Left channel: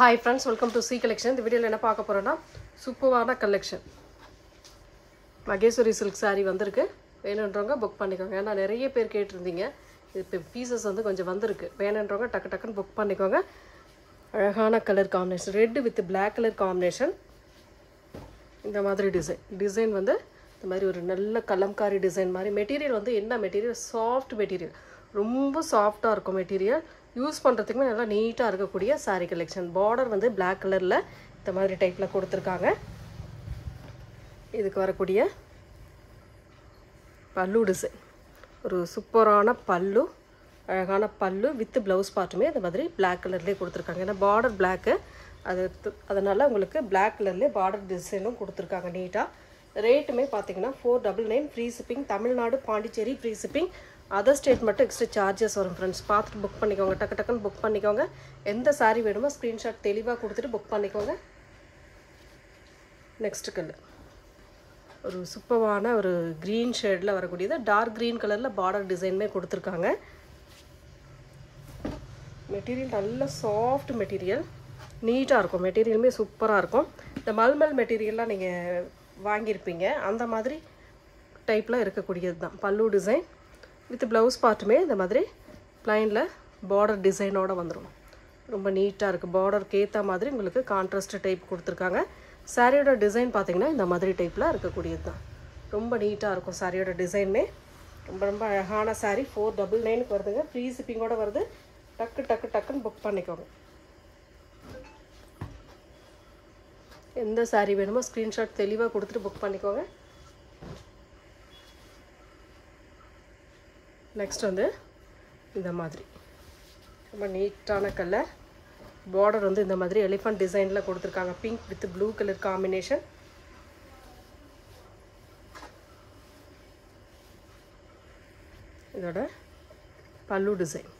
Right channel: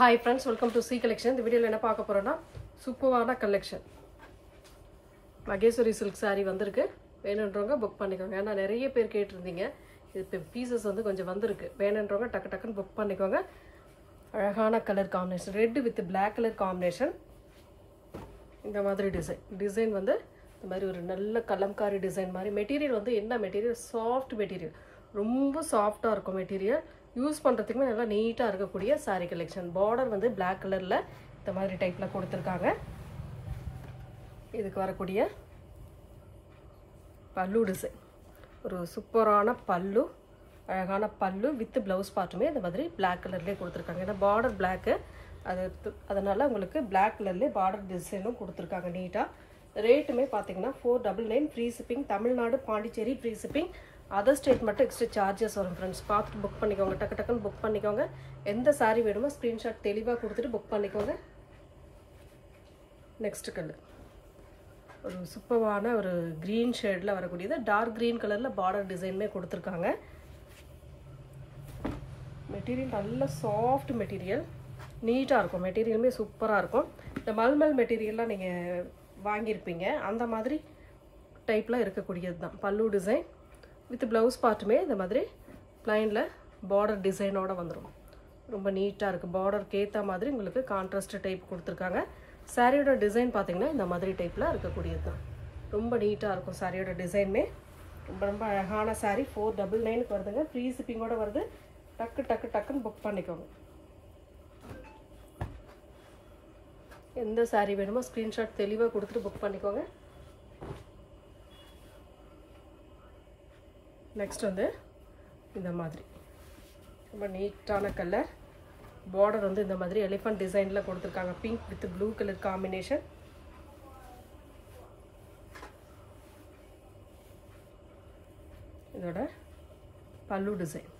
Hi friends, welcome to C collection. The video la enna paaka porona supervana collection. Mageshwari silk saree vandirukku. வேணும்ன்றவங்க book பண்ணிக்கோங்க. ஏன்னா நிறைய பேர் கேட்டிருந்தீங்க. இப்போ பீசஸ் வந்து கொஞ்சம் வந்திருக்கு. வேணும்ன்றவங்க டக்கு டக்குன்னு புக் பண்ணிக்கோங்க. அழகான colour combination red with Black colour combination. இந்த மாதிரி டிசைன் வந்து இந்த மாதிரி ஒரு நல்ல கலம்காரி டிசைன் மாதிரி. மெட்டீரியல் வந்து என்ன மெட்டீரியல்? Soft material. ரொம்ப சாஃப்டாக இருக்கும் மெட்டீரியல். யூஸ் பண்ணுறதுக்குமே நல்லா நீட்டாக இருக்கக்கூடிய சாரீ கலெக்ஷன். பார்டர் வந்து Black கலரில் இந்த மாதிரி டைப்பில் கொடுத்துருக்காங்க. இதுக்கு வரக்கூடிய பல்லு டிசைன் ஒரு சூப்பரான பல்லு, அழகான பல்லு வித் ப்ளவுஸ் பார்ட்டுமே இந்த மாதிரி Black கலர்லேயே கொடுத்துருக்காங்க. ஏன்னா பார்டர் பிளாக்கு அதனால் உங்களுக்கு Black கலர்லேயே பார்டர் டிசைனும் கொடுத்துருக்காங்க நீட்டாக. ரேட்டுமே பார்த்தீங்கன்னா 499 free shipping. Tamil Nadu Pondicherry free shipping. Other state மட்டும் எக்ஸ்ட்ரா சார்ஜஸ் வரும் ஃப்ரெண்ட்ஸ். பார்த்துட்டு புக் பண்ணிக்கோங்க. டக்கு டக்குன்னு புக் பண்ணிக்கோங்க. எந்த சாரீ வேணுமோ ஸ்க்ரீன்ஷாட் தெளிவாக கொடுத்துட்டு புக் பண்ணிக்கோங்க. நெக்ஸ்ட் கலர் ஒரு சூப்பரான ஒரு க்ரீன் ஷேடில் வரக்கூடியது. டார்க் க்ரீன் கலரில் பார்டர் டிசைனுமே கொடுத்துருக்காங்க. மெட்டீரியல் நல்ல சாஃப்ட் மெட்டீரியல், நீட்டாக இருக்கும். மெட்டீரியலுமே சூப்பராக இருக்கும். இந்த மல்மல் மெட்டீரியல்லாம் நீங்கள் வாங்கியிருப்பீங்க, அந்த மாதிரி டைப்பில் இருக்கக்கூடியது தான். பல்லு டிசைன் வித் ப்ளவுஸ் பார்ட்டுமே இந்த மாதிரி ப்ளைனில் பார்டர் டிசைனோடு வந்துடும். ரொம்ப நீட்டாக இருக்குது. பார்டருக்கு ஏற்ற மாதிரி உங்களுக்கு கான்ட்ராஸ்ட் டைப் கொடுத்துருக்காங்க. சாரியோட டிசைன் பார்த்தீங்கன்னா இந்த மாதிரி டைப்பில் இருக்கக்கூடியது தான். ரொம்ப நீட்டாக இருக்கும் சாரியோட டிசைனுமே. ரொம்ப ரொம்ப அழகான சாரீ. 499 வருதுங்க. ஃப்ரீ ஷிப்பிங்கோடு வருது. டக்குன்னு புக் பண்ணிக்கோங்க. எந்த சாரீ வேணுமோ ஸ்க்ரீன்ஷாட் தெளிவாக கொடுத்துட்டு புக் பண்ணிக்கோங்க. நெக்ஸ்ட் வந்து இந்த மாதிரி ரொம்ப நீட்டான கலர். பார்டர் வந்து இந்த மாதிரி எலிஃபண்ட் டிசைனில் கொடுத்துருக்காங்க. Pink with blue colour combination. இதோட பல்லு டிசைன்.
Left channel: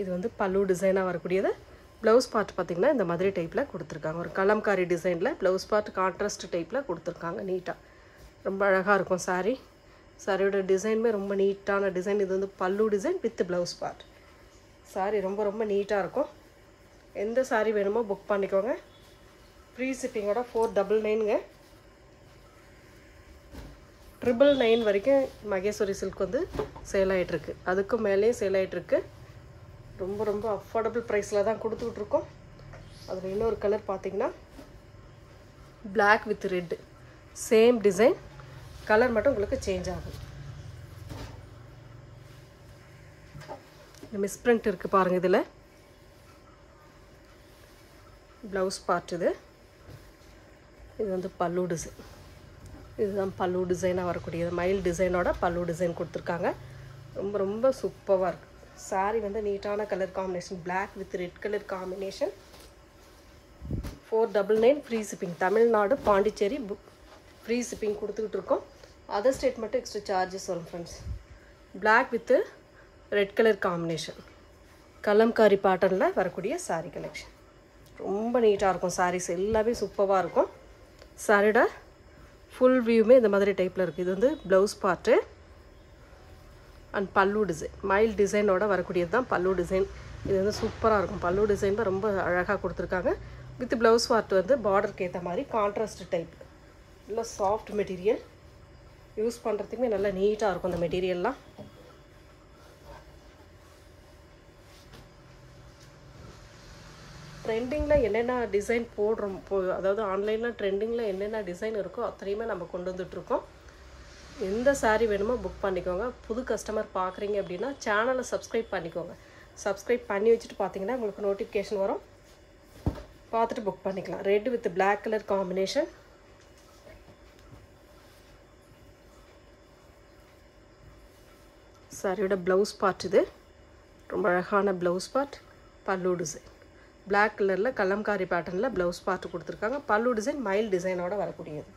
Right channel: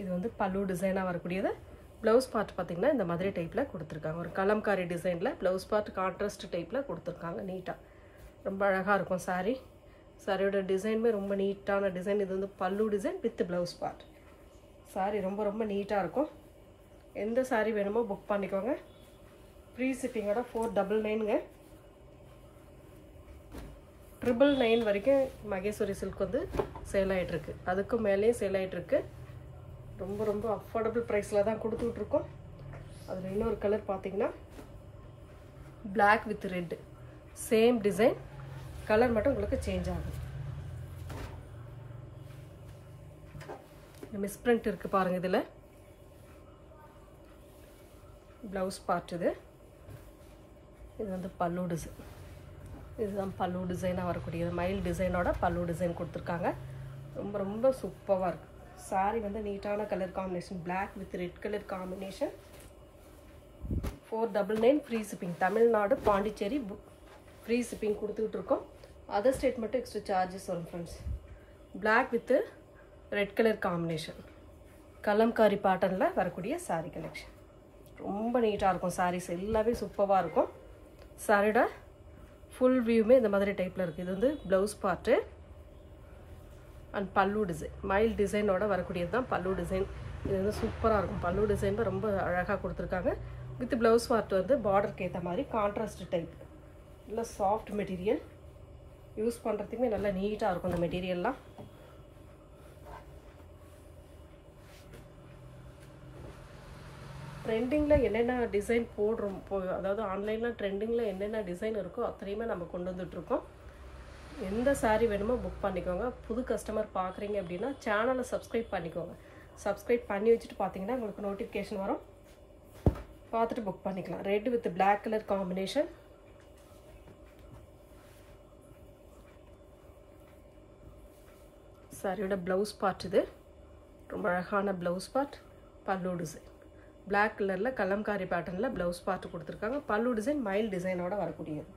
இது வந்து பல்லு டிசைனாக வரக்கூடியது. ப்ளவுஸ் பார்ட் பார்த்திங்கன்னா இந்த மாதிரி டைப்பில் கொடுத்துருக்காங்க. ஒரு கலம்காரி டிசைனில் ப்ளவுஸ் பார்ட் கான்ட்ராஸ்ட் டைப்பில் கொடுத்துருக்காங்க. நீட்டாக ரொம்ப அழகாக இருக்கும் சாரீ. சாரியோட டிசைனுமே ரொம்ப நீட்டான டிசைன். இது வந்து பல்லு design with blouse part. Sari ரொம்ப ரொம்ப நீட்டாக இருக்கும். எந்த சாரீ வேணுமோ புக் பண்ணிக்கோங்க. ஃப்ரீ ஷிப்பிங்கோட 499ங்க. 999 வரைக்கும் மகேஸ்வரி சில்க் வந்து சேல் ஆகிட்டுருக்கு. அதுக்கும் மேலேயும் சேல் ஆகிட்டுருக்கு. ரொம்ப ரொம்ப அஃபோர்டபுள் ப்ரைஸில் தான் கொடுத்துட்ருக்கோம். அதில் இன்னொரு கலர் பார்த்தீங்கன்னா Black with red same design. Colour மட்டும் உங்களுக்கு சேஞ்ச் ஆகும். மிஸ் பிரிண்ட் இருக்குது பாருங்கள். இதில் ப்ளவுஸ் பார்ட் இது வந்து பல்லு டிசைன். இதுதான் பல்லு டிசைனாக வரக்கூடியது. மயில் டிசைனோட பல்லு டிசைன் கொடுத்துருக்காங்க. ரொம்ப ரொம்ப சூப்பராக இருக்குது. சாரீ வந்து நீட்டான colour combination. Black with red colour combination. 499 free shipping. Tamil Nadu Pondicherry free shipping கொடுத்துக்கிட்டு இருக்கோம். அதர் ஸ்டேட் மட்டும் எக்ஸ்ட்ரா சார்ஜஸ் வரும் friends. Black with red colour combination. Kalamkari பேட்டர்னில் வரக்கூடிய சாரீ கலெக்ஷன். ரொம்ப நீட்டாக இருக்கும். சாரீஸ் எல்லாமே சூப்பராக இருக்கும். சாரியோட ஃபுல் வியூமே இந்த மாதிரி டைப்பில் இருக்குது. இது வந்து ப்ளவுஸ் பார்ட்டு அண்ட் பல்லு டிசைன். மயில் டிசைனோட வரக்கூடியது தான் பல்லு டிசைன். இது வந்து சூப்பராக இருக்கும். பல்லு டிசைன் தான் ரொம்ப அழகாக கொடுத்துருக்காங்க. வித் ப்ளவுஸ் பார்ட் வந்து பார்டருக்கு ஏற்ற மாதிரி கான்ட்ராஸ்ட் டைப். நல்லா சாஃப்ட் மெட்டீரியல். யூஸ் பண்ணுறதுக்குமே நல்லா நீட்டாக இருக்கும் இந்த மெட்டீரியல்லாம். ட்ரெண்டிங்கில் என்னென்ன டிசைன் போடுறோம், அதாவது ஆன்லைனில் ட்ரெண்டிங்கில் என்னென்ன டிசைன் இருக்கோ அத்தனையுமே நம்ம கொண்டு வந்துட்டுருக்கோம். எந்த சாரீ வேணுமோ புக் பண்ணிக்கோங்க. புது கஸ்டமர் பார்க்குறீங்க அப்படின்னா சேனலை சப்ஸ்கிரைப் பண்ணிக்கோங்க. சப்ஸ்கிரைப் பண்ணி வச்சுட்டு பார்த்தீங்கன்னா உங்களுக்கு நோட்டிஃபிகேஷன் வரும். பார்த்துட்டு புக் பண்ணிக்கலாம். Red with Black colour combination. சாரியோட ப்ளவுஸ் பார்ட் இது ரொம்ப அழகான ப்ளவுஸ் பார்ட். பல்லு டிசைன் Black கலரில் கலம்காரி பேட்டர்னில் ப்ளவுஸ் பார்த்து கொடுத்துருக்காங்க. பல்லு டிசைன் மயில் டிசைனோட வரக்கூடியது.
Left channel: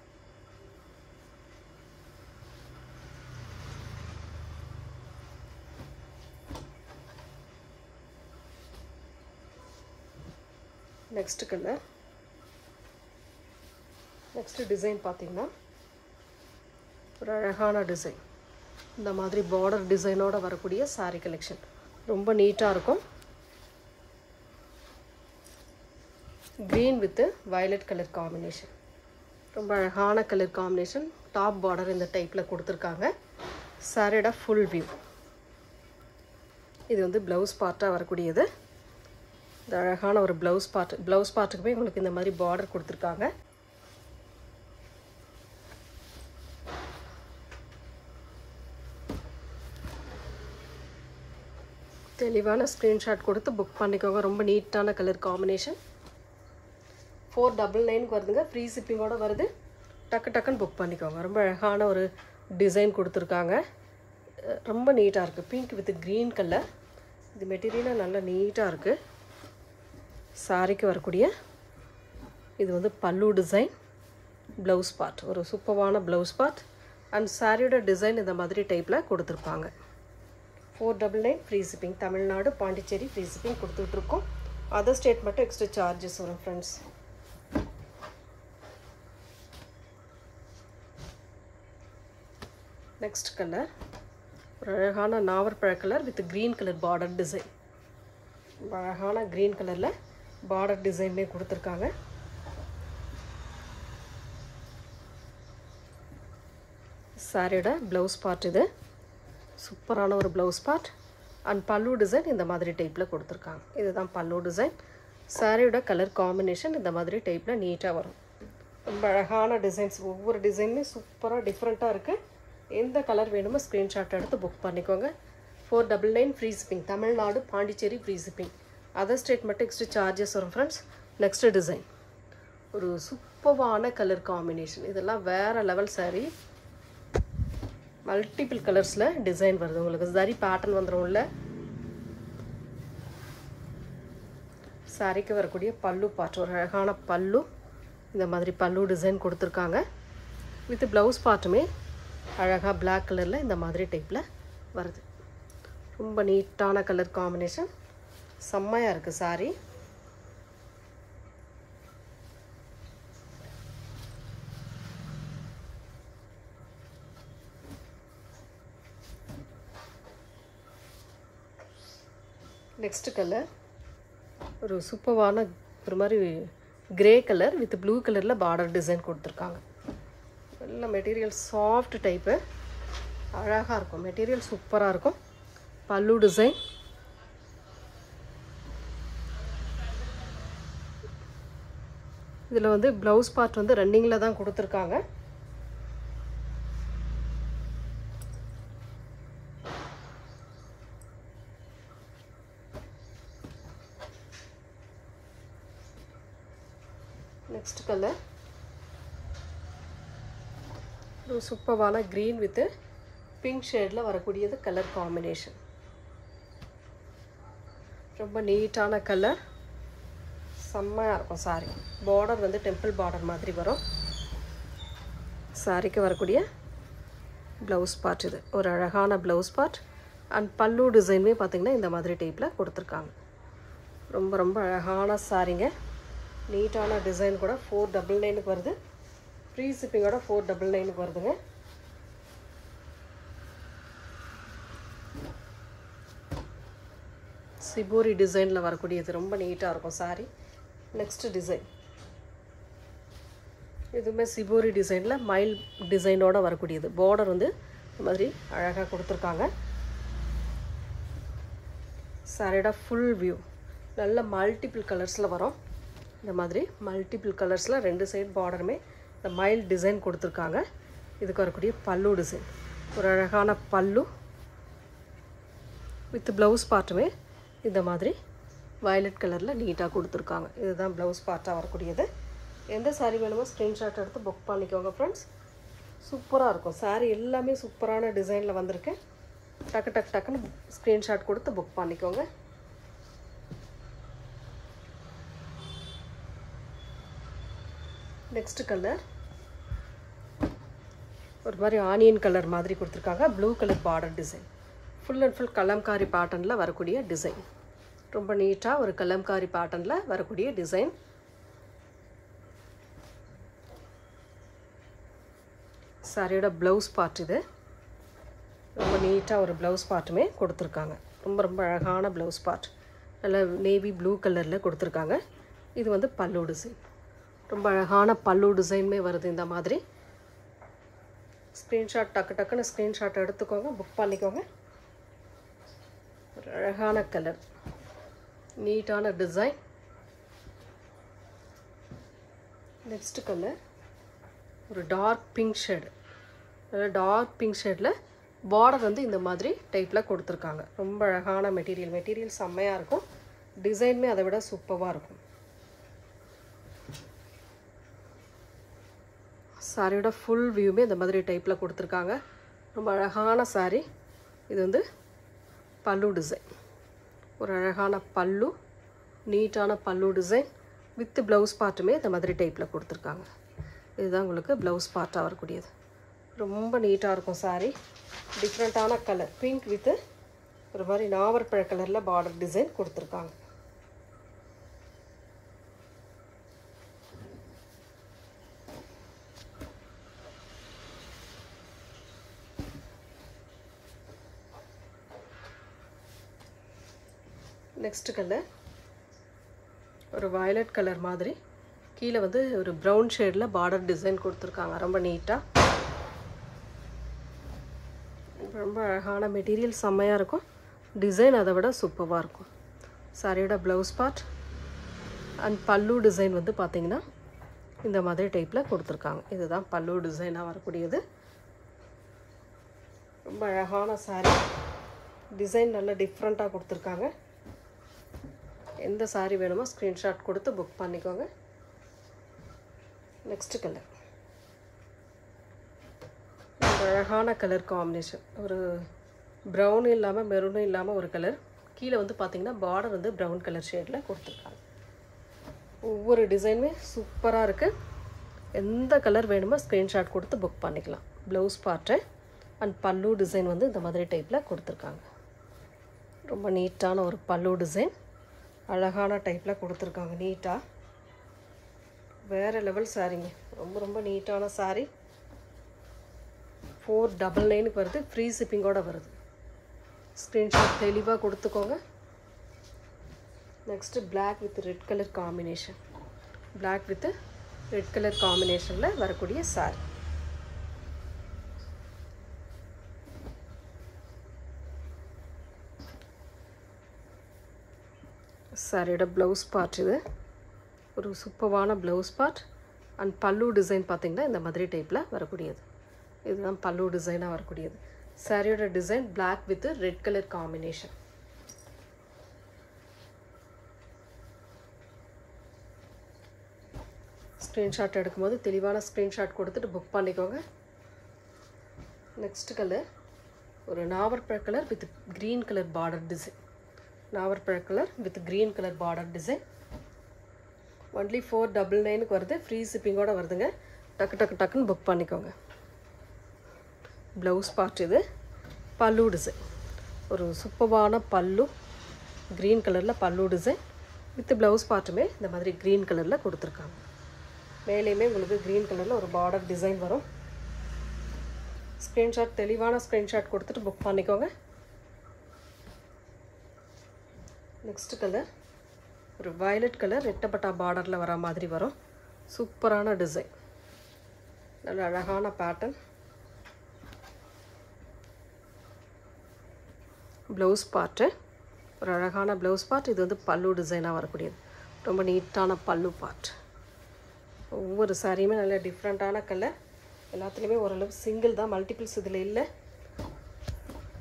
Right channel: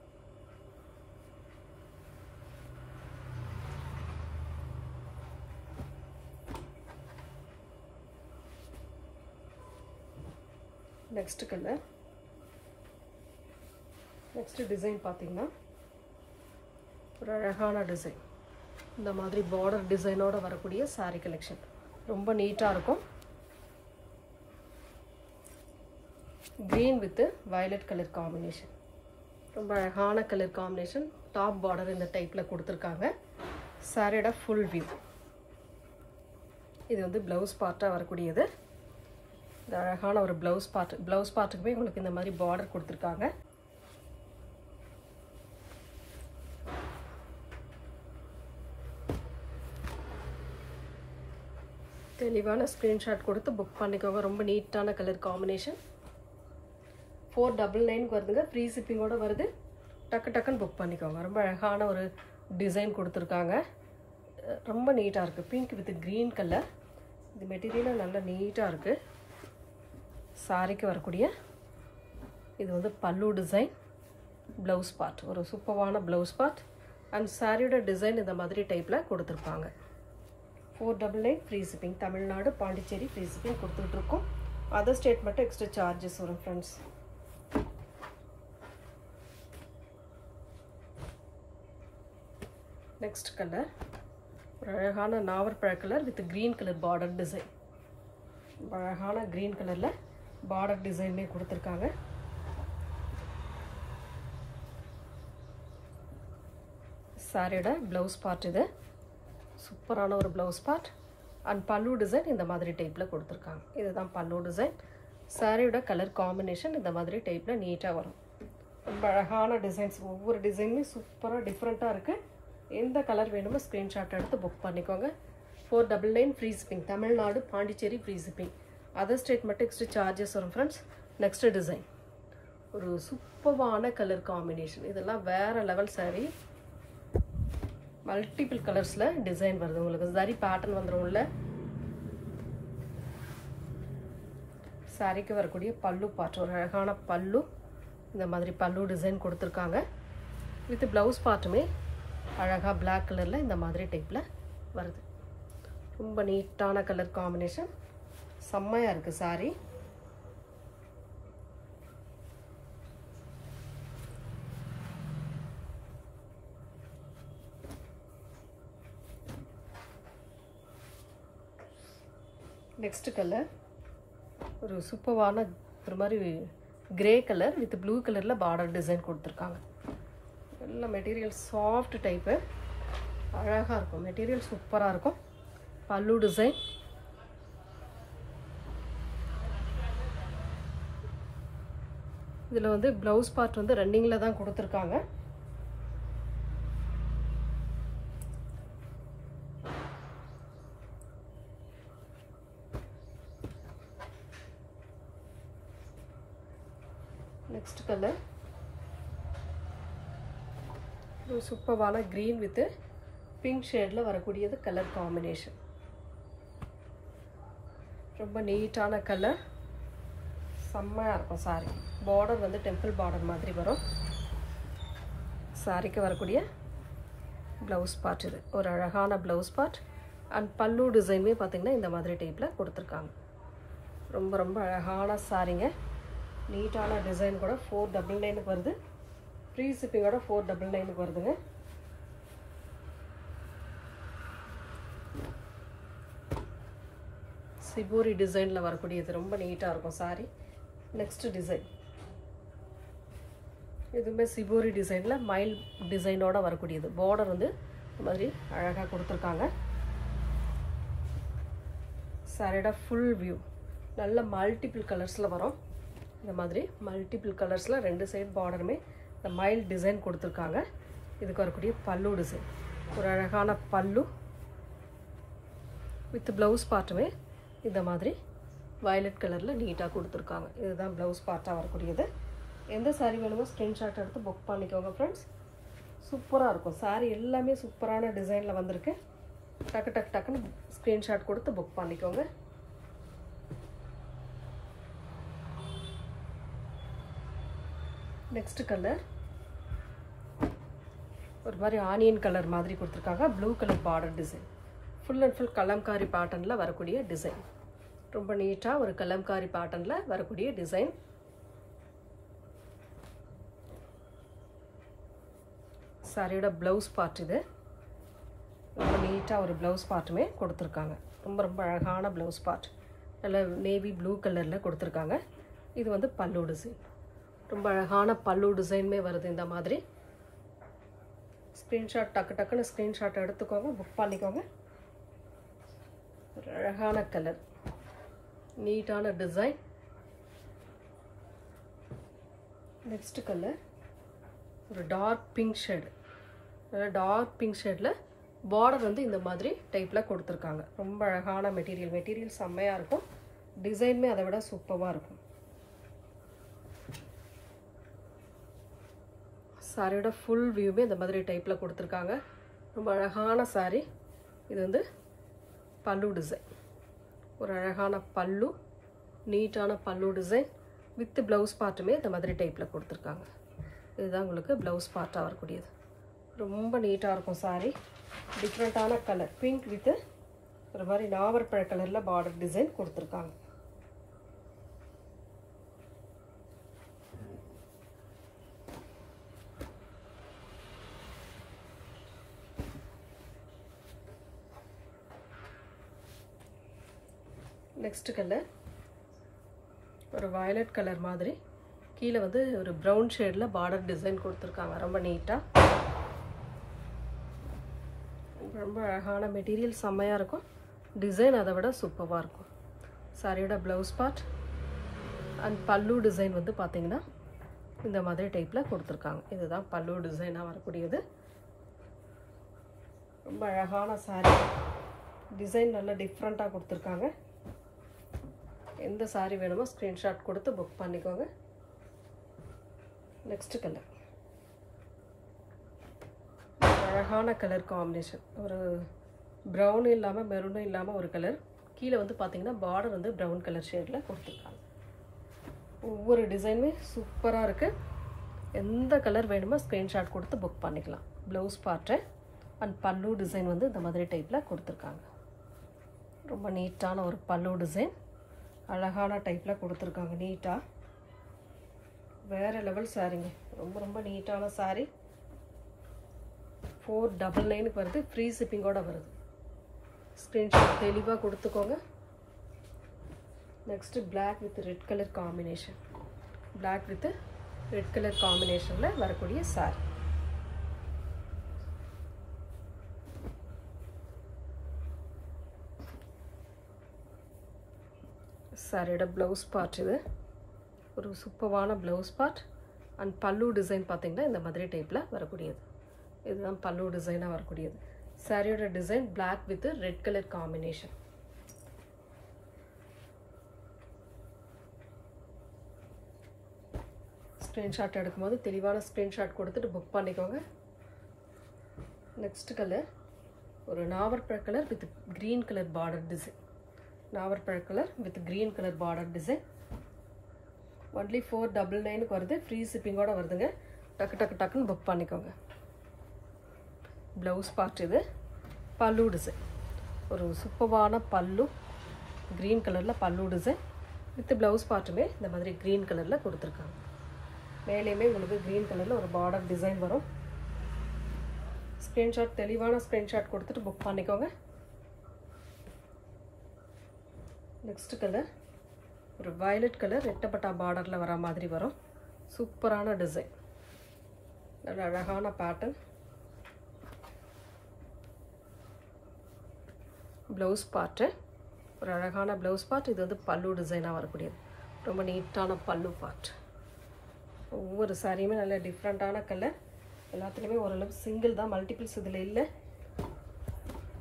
Next colour. நெக்ஸ்ட் டிசைன் பார்த்தீங்கன்னா ஒரு அழகான டிசைன். இந்த மாதிரி பார்டர் டிசைனோட வரக்கூடிய சாரீ கலெக்ஷன் ரொம்ப நீட்டாக இருக்கும். green with violet color combination. ரொம்ப அழகான கலர் காம்பினேஷன். டாப் பார்டர் இந்த டைப்ல கொடுத்திருக்காங்க. சாரியோட ஃபுல் வியூ. இது வந்து ப்ளவுஸ் பார்ட்டா வரக்கூடியது. இந்த அழகான ஒரு ப்ளவுஸ் பார்ட்டுக்கு போய் உங்களுக்கு இந்த மாதிரி பார்டர் கொடுத்திருக்காங்க. தெளிவான ஸ்கிரீன்ஷாட் கொடுத்து புக் பண்ணிக்கோங்க. ரொம்ப நீட்டான கலர் காம்பினேஷன். 499 வருதுங்க. ஃப்ரீ ஷிப்பிங்கோட வருது. டக்குன்னு புக் பண்ணிக்கோங்க. ரொம்ப அழகான ஒரு டிசைன் கொடுத்துருக்காங்க. ரொம்ப நீட்டாக இருக்குது. Pink with green colour. இது மெட்டீரியலாக நல்லா நீட்டாக இருக்குது. சாரிக்கு வரக்கூடிய இது வந்து பல்லு டிசைன், ப்ளவுஸ் பார்ட், ஒரு சூப்பரான ப்ளவுஸ் பார்ட். அண்ட் சாரியோட டிசைன் இந்த மாதிரி டைப்பில் கொடுத்துருப்பாங்க. 499 free shipping. Tamil Nadu Pondicherry free shipping கொடுத்துட்ருக்கோம். அதர் ஸ்டேட் மட்டும் எக்ஸ்ட்ரா சார்ஜஸ் வரும் ஃப்ரெண்ட்ஸ். நெக்ஸ்ட் கலர் ஒரு அழகான நாவற்பழ colour with green colour border design. அழகான க்ரீன் கலரில் பார்டர் டிசைன்லேயே கொடுத்துருக்காங்க. சாரியோட ப்ளவுஸ் பார்ட் இது. சூப்பரான ஒரு ப்ளவுஸ் பார்ட். அண்ட் பல்லு டிசைன் இந்த மாதிரி டைப்பில் கொடுத்துருக்காங்க. இதுதான் பல்லு டிசைன். சாரியோட கலர் காம்பினேஷன் இந்த மாதிரி டைப்பில் நீட்டாக வரும். ரொம்ப அழகான டிசைன்ஸ். ஒவ்வொரு டிசைனுமே சூப்பராக டிஃப்ரெண்ட்டாக இருக்குது. எந்த கலர் வேணுமோ ஸ்க்ரீன்ஷாட் எடுத்து புக் பண்ணிக்கோங்க. 499 free shipping. Tamil Nadu Pondicherry free shipping. Other state மட்டும் எக்ஸ்ட்ரா சார்ஜஸ் வரும் ஃப்ரெண்ட்ஸ். நெக்ஸ்ட் டிசைன் ஒரு சூப்பரான கலர் காம்பினேஷன். இதெல்லாம் வேறு லெவல் சாரி. மல்டிபிள் கலர்ஸில் டிசைன் வருது. உங்களுக்கு சரி பேட்டர்ன் வந்துடும்ல. சாரிக்கு வரக்கூடிய பல்லு பார்ட், ஒரு அழகான பல்லு. இந்த மாதிரி பல்லு டிசைன் கொடுத்துருக்காங்க. வித் ப்ளவுஸ் பார்ட்டுமே அழகாக பிளாக் கலரில் இந்த மாதிரி டைப்பில் வருது. ரொம்ப நீட்டான கலர் காம்பினேஷன். செம்மையாக இருக்குது சாரி. நெக்ஸ்ட் கலர் ஒரு சூப்பரான ஒரு மாதிரி கிரே கலர் வித் ப்ளூ கலரில் பார்டர் டிசைன் கொடுத்துருக்காங்க. நல்ல மெட்டீரியல் சாஃப்ட் டைப்பு. அழகாக இருக்கும். மெட்டீரியல் சூப்பராக இருக்கும். பல்லு டிசைன். இதில் வந்து ப்ளவுஸ் பார்ட் வந்து ரன்னிங்கில் தான் கொடுத்துருக்காங்க. நெக்ஸ்ட் கலர் ஒரு சூப்பரான க்ரீன் வித் பிங்க் ஷேடில் வரக்கூடியது கலர் காம்பினேஷன். ரொம்ப நீட்டான கலர். செம்மையாக இருக்கும் சாரி. பார்டர் வந்து டெம்பிள் பார்டர் மாதிரி வரும். சாரிக்கு வரக்கூடிய ப்ளவுஸ் பார்ட் இது. ஒரு அழகான ப்ளவுஸ் பார்ட். அண்ட் பல்லு டிசைனுமே பார்த்திங்கன்னா இந்த மாதிரி டைப்பில் கொடுத்துருக்காங்க. ரொம்ப ரொம்ப அழகான சாரிங்க. நீட்டான டிசைன் கூட. 499 வருது. ஃப்ரீ ஷிப்பிங்கோட 499 வருதுங்க. சிபோரி டிசைனில் வரக்கூடியது. ரொம்ப நீட்டாக இருக்கும் சாரி. நெக்ஸ்ட் டிசைன் இதுவுமே சிபோரி டிசைனில் மைல் டிசைனோட வரக்கூடியது. பார்டர் வந்து இந்த மாதிரி அழகாக கொடுத்துருக்காங்க. சாரியோட ஃபுல் வியூ. நல்ல மல்டிபிள் கலர்ஸில் வரும். இந்த மாதிரி மல்டிபிள் கலர்ஸில் ரெண்டு சைடு பார்டருமே இந்த மைல் டிசைன் கொடுத்துருக்காங்க. இதுக்கு வரக்கூடிய பல்லு டிசைன். ஒரு அழகான பல்லு வித் ப்ளவுஸ் பார்ட்டுமே இந்த மாதிரி வயலட் கலரில் நீட்டாக கொடுத்துருக்காங்க. இதுதான் ப்ளவுஸ் பார்ட்டாக வரக்கூடியது. எந்த சாரீ வேணுமோ ஸ்க்ரீன்ஷாட் எடுத்து புக் பண்ணிக்கோங்க ஃப்ரெண்ட்ஸ். சூப்பராக இருக்கும் சாரீ. எல்லாமே சூப்பரான டிசைனில் வந்திருக்கு. டக்குன்னு ஸ்க்ரீன்ஷாட் கொடுத்து புக் பண்ணிக்கோங்க. நெக்ஸ்ட் கலர் ஒரு மாதிரி ஆனியன் கலர் மாதிரி கொடுத்துருக்காங்க. Blue colour border design. Full and full Kalamkari பேட்டர்னில் வரக்கூடிய டிசைன். ரொம்ப நீட்டாக ஒரு கலம்காரி பேட்டர்னில் வரக்கூடிய டிசைன். சாரியோட ப்ளவுஸ் பார்ட் இது. ரொம்ப நீட்டாக ஒரு ப்ளவுஸ் பார்ட்டுமே கொடுத்துருக்காங்க. ரொம்ப ரொம்ப அழகான ப்ளவுஸ் பார்ட். நல்ல நேவி ப்ளூ கலரில் கொடுத்துருக்காங்க. இது வந்து பல்லு டிசைன். ரொம்ப அழகான பல்லு டிசைனுமே வருது இந்த மாதிரி. ஸ்க்ரீன்ஷாட் டக்குன்னு ஸ்க்ரீன்ஷாட் எடுத்துக்கோங்க, புக் பண்ணிக்கோங்க. ஒரு அழகான கலர், நீட்டான டிசைன். நெக்ஸ்ட் கலர் ஒரு dark pink shade. Dark pink ஷேடில் பார்டர் வந்து இந்த மாதிரி டைப்பில் கொடுத்துருக்காங்க. ரொம்ப அழகான மெட்டீரியல் செம்மையாக இருக்கும். டிசைனுமே அதை விட சூப்பராக இருக்கும். சாரியோட ஃபுல் வியூமே இந்த மாதிரி டைப்பில் கொடுத்துருக்காங்க. ரொம்ப அழகான சாரி. இது வந்து பல்லு டிசைன். ஒரு அழகான பல்லு, நீட்டான பல்லு டிசைன் வித் ப்ளவுஸ் பார்ட்டுமே இந்த மாதிரி டைப்பில் கொடுத்துருக்காங்க. இதுதான் உங்களுக்கு ப்ளவுஸ் பார்ட்டாக வரக்கூடியது. ரொம்ப நீட்டாக இருக்கும் சாரி. டிஃப்ரெண்ட்டான கலர் பிங்க் வித் ஒரு மாதிரி நாவற்பழ கலரில் பார்டர் டிசைன் கொடுத்துருக்காங்க. நெக்ஸ்ட் கலர் ஒரு வயலட் கலர் மாதிரி, கீழே வந்து ஒரு ப்ரௌன் ஷேடில் பார்டர் டிசைன் கொடுத்துருக்காங்க. ரொம்ப நீட்டாக, ரொம்ப அழகான மெட்டீரியல், செம்மையாக இருக்கும். டிசைன் அதை விட சூப்பராக இருக்கும். சாரியோட ப்ளவுஸ் பார்ட் அண்ட் பல்லு டிசைன் வந்து பார்த்திங்கன்னா இந்த மாதிரி டைப்பில் கொடுத்துருக்காங்க. இதுதான் பல்லு டிசைனாக வரக்கூடியது. ரொம்ப அழகான சாரி. டிசைன் நல்லா டிஃப்ரெண்ட்டாக கொடுத்துருக்காங்க. எந்த சாரி வேணுமோ ஸ்க்ரீன்ஷாட் கொடுத்து புக் பண்ணிக்கோங்க. நெக்ஸ்ட் கலர் அழகான கலர் காம்பினேஷன். ஒரு ப்ரௌனும் இல்லாமல் மெரூனும் இல்லாமல் ஒரு கலர். கீழே வந்து பார்த்திங்கன்னா பார்டர் வந்து ப்ரௌன் கலர் ஷேடில் கொடுத்துருக்காங்க. ஒவ்வொரு டிசைனுமே சூப்பராக இருக்குது. எந்த கலர் வேணுமோ ஸ்க்ரீன்ஷாட் கொடுத்து புக் பண்ணிக்கலாம். ப்ளவுஸ் பார்ட்டு அண்ட் பல்லு டிசைன் வந்து இந்த மாதிரி டைப்பில் கொடுத்துருக்காங்க. ரொம்ப நீட்டான ஒரு பல்லு டிசைன், அழகான டைப்பில் கொடுத்துருக்காங்க. நீட்டாக வேறு லெவல் சாரிங்க. ரொம்ப நீட்டான சாரி. 499 வருது. ஃப்ரீ ஷிப்பிங்கோடு வருது. ஸ்க்ரீன்ஷாட் தெளிவாக கொடுத்துக்கோங்க. Next black with red colour combination. Black with red colour காம்பினேஷனில் வரக்கூடிய சாரி. சாரியோட ப்ளவுஸ் பார்ட் இது. ஒரு சூப்பரான ப்ளவுஸ் பார்ட் அண்ட் பல்லு டிசைன் பார்த்திங்கன்னா இந்த மாதிரி டைப்பில் வரக்கூடியது. இதுதான் பல்லு டிசைனாக வரக்கூடியது. சாரியோட design black with red colour combination. Screenshot எடுக்கும்போது தெளிவான ஸ்க்ரீன்ஷாட் கொடுத்துட்டு புக் பண்ணிக்கோங்க. நெக்ஸ்ட் கலர் ஒரு நாவற்பழ colour with green colour border design. நாவற்பழ colour with green colour border design. Only 499 வருது. ஃப்ரீ ஷிப்பிங்கோடு வருதுங்க. டக்குன்னு புக் பண்ணிக்கோங்க. ப்ளவுஸ் பார்ட் இது. பல்லு டிசைன் ஒரு சூப்பரான பல்லு, க்ரீன் கலரில் பல்லு டிசைன் வித் ப்ளவுஸ் பார்ட்டுமே இந்த மாதிரி க்ரீன் கலரில் கொடுத்துருக்காங்க. மேலேயுமே உங்களுக்கு க்ரீன் கலரில் ஒரு பார்டர் டிசைன் வரும். ஸ்க்ரீன்ஷாட் தெளிவான ஸ்க்ரீன்ஷாட் கொடுத்துட்டு புக் பண்ணிக்கோங்க. நெக்ஸ்ட் கலர் ஒரு வயலட் கலர் ரெட்டப்பட்டா பார்டரில் வர மாதிரி வரும். சூப்பரான டிசைன், நல்ல அழகான பேட்டர்ன். ப்ளவுஸ் பார்ட்டு ஒரு அழகான ப்ளவுஸ் பார்ட். இது வந்து பல்லு டிசைனாக வரக்கூடியது. ரொம்ப நீட்டான பல்லு பார்ட். ஒவ்வொரு சாரியுமே நல்ல டிஃப்ரெண்ட்டான கலர். எல்லாத்துலேயுமே ஓரளவு சிங்கிள் தான், மல்டிபிள்ஸ் இதில் இல்லை.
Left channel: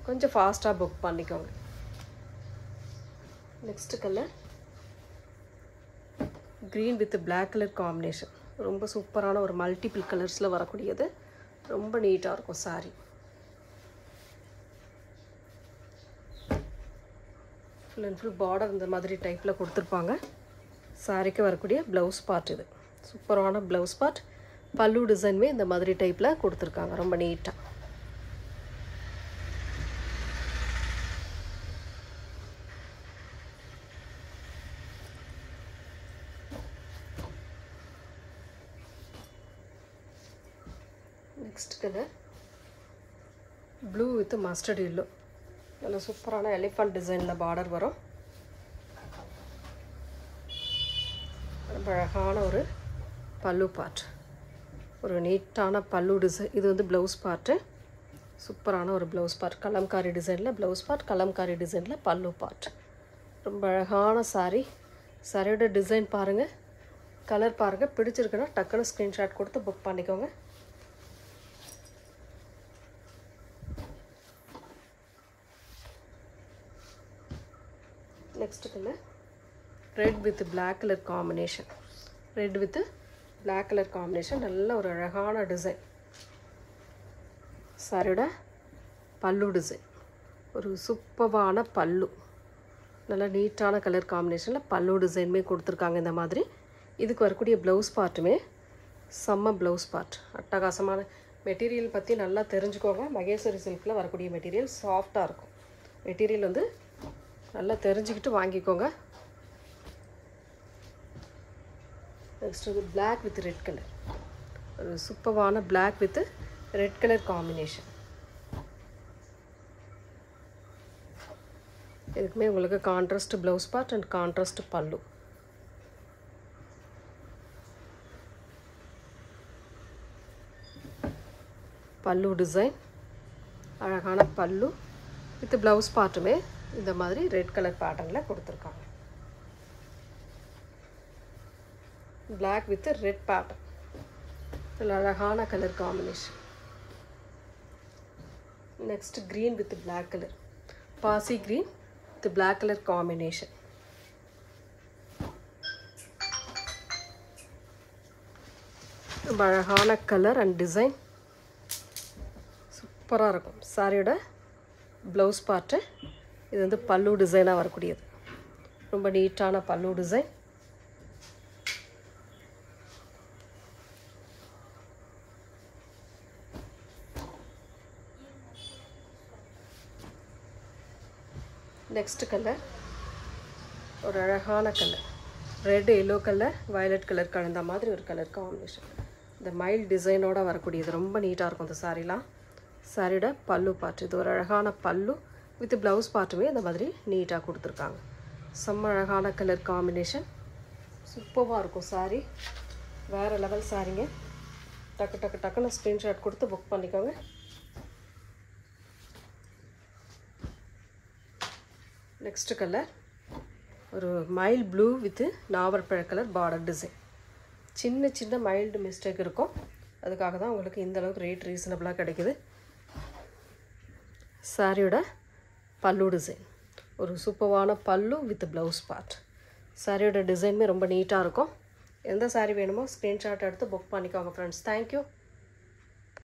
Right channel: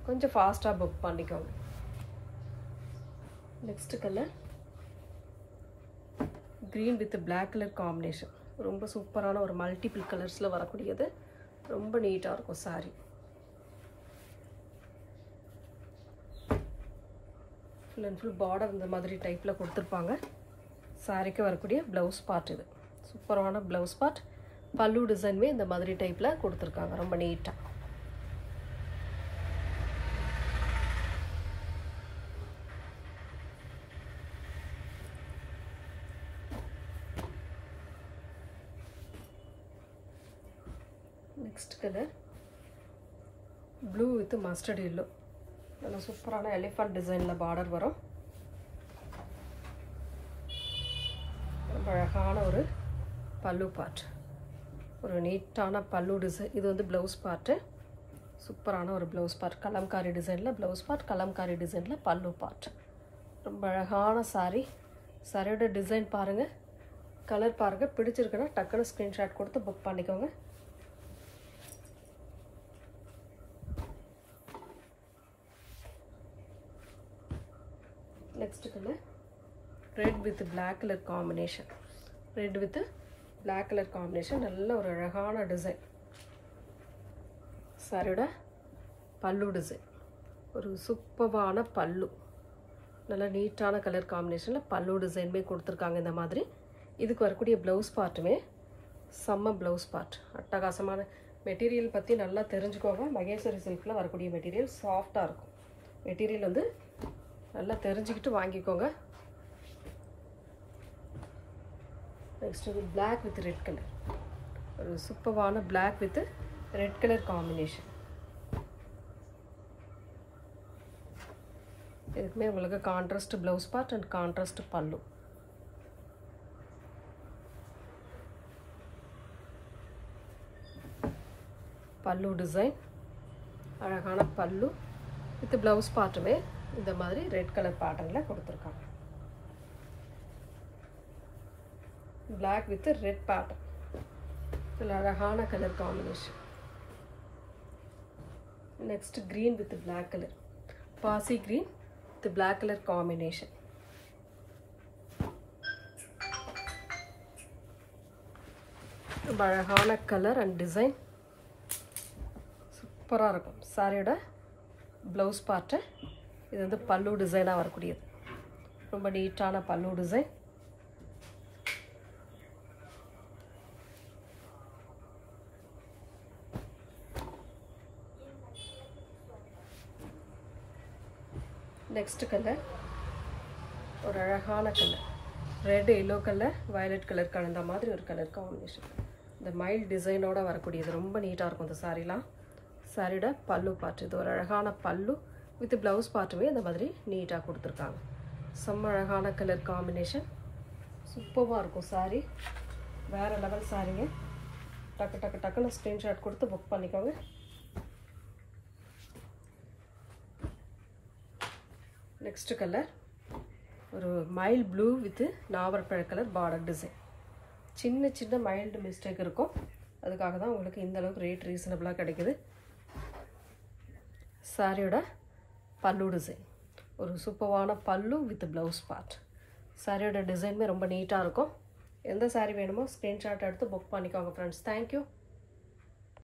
கொஞ்சம் ஃபாஸ்ட்டாக புக் பண்ணிக்கோங்க. Next colour green with black colour combination. ரொம்ப சூப்பரான ஒரு மல்டிபிள் கலர்ஸில் வரக்கூடியது. ரொம்ப நீட்டாக இருக்கும் sari. Full and full border இந்த மாதிரி டைப்பில் கொடுத்துருப்பாங்க. சாரிக்கு வரக்கூடிய ப்ளவுஸ் பார்ட் இது. சூப்பரான ப்ளவுஸ் பார்ட். பல்லு டிசைனுமே இந்த மாதிரி டைப்பில் கொடுத்துருக்காங்க. ரொம்ப நீட்டாக. Next colour blue with mustard yellow. நல்ல சூப்பரான எலிஃபண்ட் டிசைனில் பார்டர் வரும். ரொம்ப அழகான ஒரு பல்லு பார்ட், ஒரு நீட்டான பல்லு டிசைன். இது வந்து ப்ளவுஸ் பார்ட்டு, சூப்பரான ஒரு ப்ளவுஸ் பார்ட். கலம்காரி டிசைனில் ப்ளவுஸ் பார்ட், கலம்காரி டிசைனில் பல்லு பார்ட். ரொம்ப அழகான சாரீ. சாரியோட டிசைன் பாருங்கள், கலர் பாருங்கள். பிடிச்சிருக்குன்னா டக்குன்னு ஸ்க்ரீன்ஷாட் கொடுத்து புக் பண்ணிக்கோங்க. Next colour red with black colour combination. Red with black colour combination, நல்ல ஒரு அழகான டிசைன். சாரியோட பல்லு டிசைன் ஒரு சூப்பரான பல்லு, நல்ல நீட்டான கலர் காம்பினேஷனில் பல்லு டிசைனுமே கொடுத்துருக்காங்க இந்த மாதிரி. இதுக்கு வரக்கூடிய ப்ளவுஸ் பார்ட்டுமே செம்ம ப்ளவுஸ் பார்ட், அட்டகாசமான மெட்டீரியல் பற்றி நல்லா தெரிஞ்சுக்கோங்க. மகேஸ்வரி சில்கில் வரக்கூடிய மெட்டீரியல் சாஃப்டாக இருக்கும். மெட்டீரியல் வந்து நல்லா தெரிஞ்சுக்கிட்டு வாங்கிக்கோங்க. நெக்ஸ்ட் வந்து பிளாக் வித் ரெட் கலர், ஒரு சூப்பரான black with red colour combination. இதுக்குமே உங்களுக்கு contrast blouse part and contrast pallu. Pallu design அழகான பல்லு வித் ப்ளவுஸ் பார்ட்டுமே இந்த மாதிரி ரெட் கலர் பேட்டர்னில் கொடுத்துருக்காங்க. பிளாக் வித் ரெட் பேட்டர்ன், இதில் அழகான colour combination. Next green with black colour, பாசி green with black colour combination. ரொம்ப அழகான கலர் அண்ட் டிசைன், சூப்பராக இருக்கும். சாரியோட ப்ளவுஸ் பார்ட்டு இது வந்து பல்லு டிசைனாக வரக்கூடியது, ரொம்ப நீட்டான பல்லு டிசைன். நெக்ஸ்ட் கலர் ஒரு அழகான colour, red yellow colour violet colour கலந்த மாதிரி ஒரு கலர் காம்பினேஷன். இந்த மைல் டிசைனோட வரக்கூடியது ரொம்ப நீட்டாக இருக்கும் இந்த சாரீலாம். சாரியோட பல்லு பார்ட், இது ஒரு அழகான பல்லு வித் ப்ளவுஸ் பார்ட்டுமே இந்த மாதிரி நீட்டாக கொடுத்துருக்காங்க. செம்ம அழகான கலர் காம்பினேஷன், சூப்பராக இருக்கும் சாரீ, வேறு லெவல் சாரீங்க. டக்குன்னு ஸ்க்ரீன்ஷாட் கொடுத்து புக் பண்ணிக்கோங்க. நெக்ஸ்ட் கலர் ஒரு மைல்டு ப்ளூ வித் நாவற்பழ கலர் பார்டர் டிசைன். சின்ன மைல்டு மிஸ்டேக் இருக்கும், அதுக்காக தான் உங்களுக்கு இந்த அளவுக்கு ரேட் ரீசனபிளாக கிடைக்குது. சாரியோட பல்லு டிசைன் ஒரு சூப்பரான பல்லு வித் ப்ளவுஸ் பார்ட். சாரியோட டிசைனுமே ரொம்ப நீட்டாக இருக்கும். எந்த சாரீ வேணுமோ ஸ்க்ரீன்ஷாட் எடுத்து புக் பண்ணிக்கோங்க ஃப்ரெண்ட்ஸ். தேங்க்யூ.